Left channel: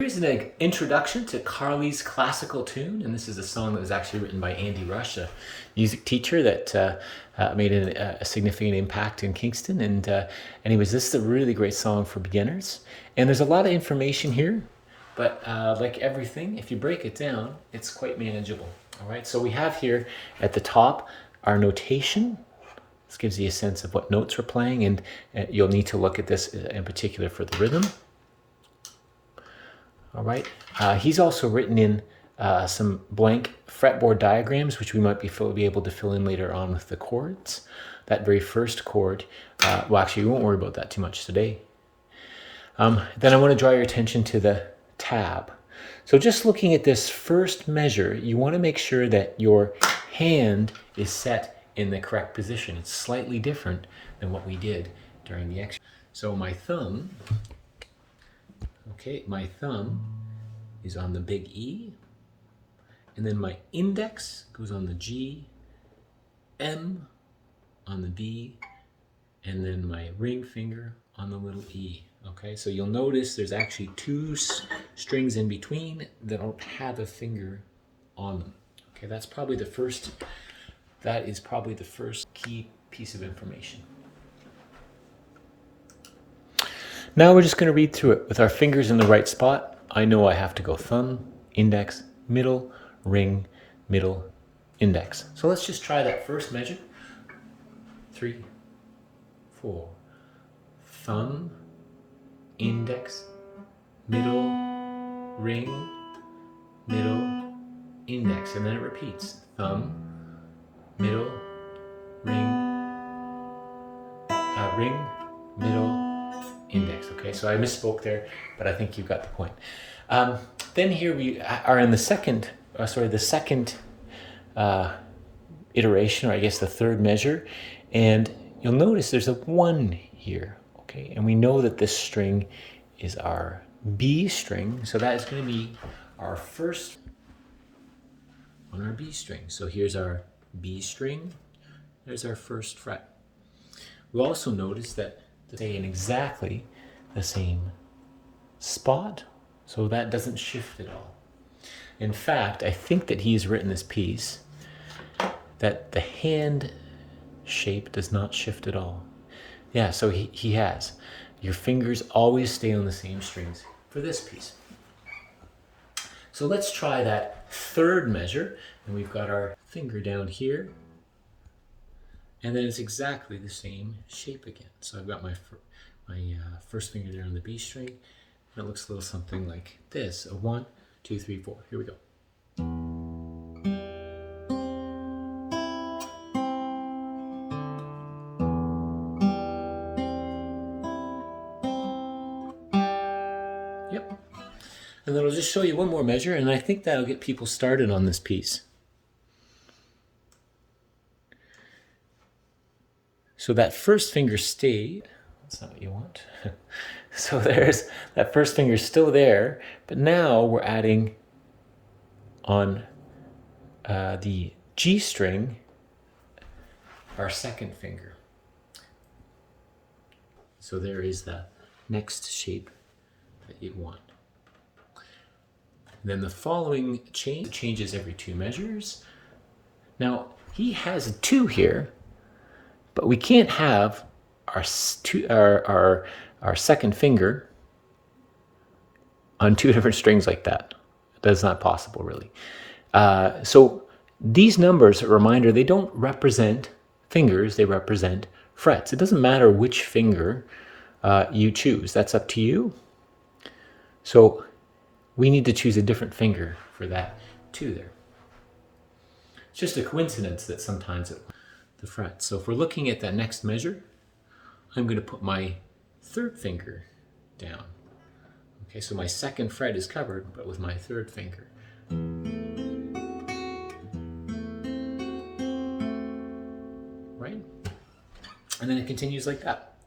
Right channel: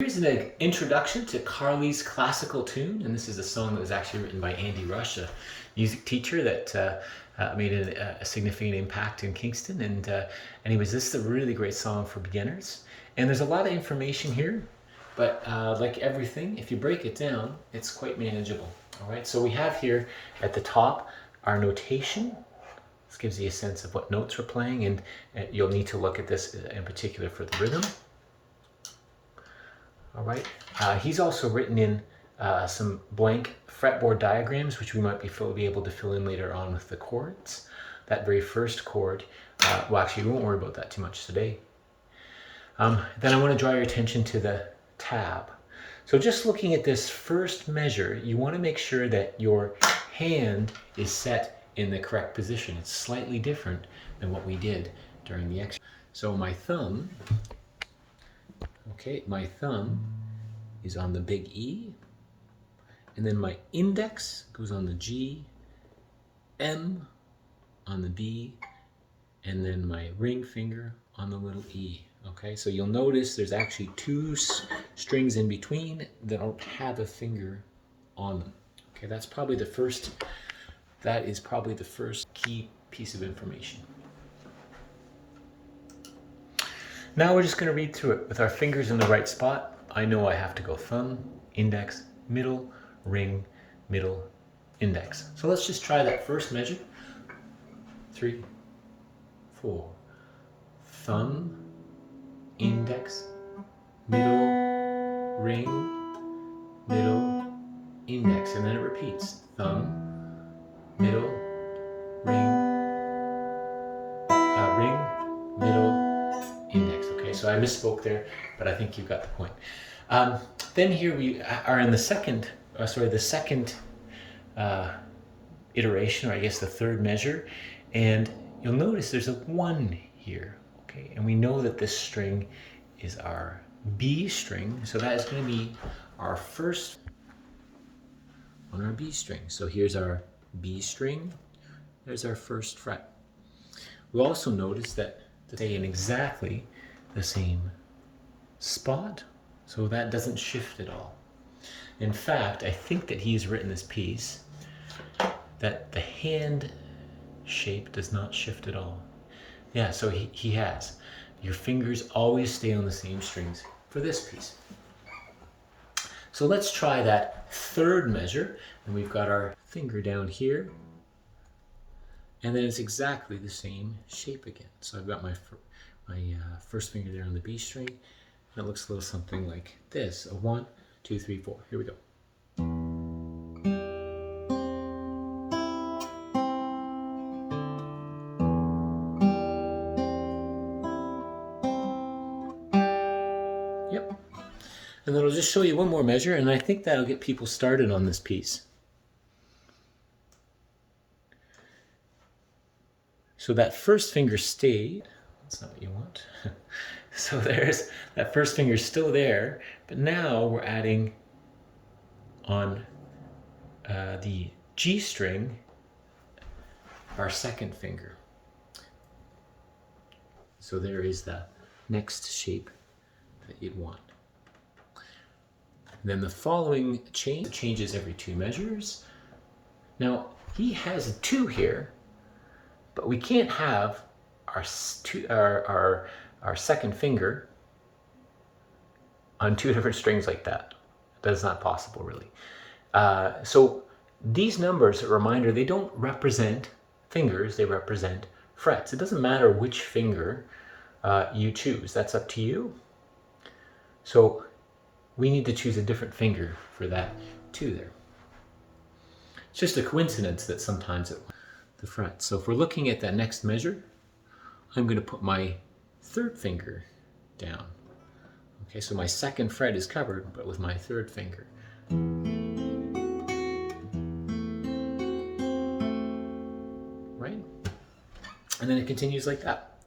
Here's an introduction to Carlis' classical tune, and this is a song that was actually written by Andy Rush, a music teacher that made a significant impact in Kingston. And anyways, this is a really great song for beginners. And there's a lot of information here, but like everything, if you break it down, it's quite manageable. All right, so we have here at the top our notation. This gives you a sense of what notes we're playing, and you'll need to look at this in particular for the rhythm. All right, he's also written in some blank fretboard diagrams, which we might be able to fill in later on with the chords. That very first chord, well, actually, we won't worry about that too much today. Then I want to draw your attention to the tab. So just looking at this first measure, you want to make sure that your hand is set in the correct position. It's slightly different than what we did during the exercise. So my thumb, okay, my thumb is on the big E, and then my index goes on the G, M on the B, and then my ring finger on the little E. Okay, so you'll notice there's actually two strings in between that don't have a finger on them. Okay, that is probably the first key piece of information. Now we're just going to read through it with our fingers in the right spot. I know I have to go thumb, index, middle, ring, middle, index. So let's just try that first measure. 3, 4. Thumb, index, middle, ring, middle, index. And then it repeats. Thumb, middle, ring, middle, index. Okay, so I misspoke there, but I think you got the point. Then here we are in the second iteration, or I guess the third measure, and you'll notice there's a 1 here. Okay, and we know that this string is our B string, so that is going to be our first on our B string. So here's our B string, there's our first fret. We'll also notice that they in exactly the same spot, so that doesn't shift at all. In fact, I think that he's written this piece that the hand shape does not shift at all. Yeah, so he has. Your fingers always stay on the same strings for this piece. So let's try that third measure, and we've got our finger down here, and then it's exactly the same shape again. So I've got my first finger there on the B string, and it looks a little something like this. A 1, 2, 3, 4. Here we go. Yep. And then I'll just show you one more measure, and I think that'll get people started on this piece. So that first finger stayed. That's not what you want. So there's that first finger still there, but now we're adding on the G string our second finger. So there is the next shape that you'd want. And then the following changes every 2 measures. Now he has a 2 here, but we can't have our second finger on 2 different strings like that. That's not possible, really. So these numbers, a reminder, they don't represent fingers, they represent frets. It doesn't matter which finger you choose. That's up to you. So we need to choose a different finger for that 2 there. It's just a coincidence that sometimes the frets. So if we're looking at that next measure, I'm going to put my third finger down. Okay, so my second fret is covered, but with my third finger. Right? And then it continues like that.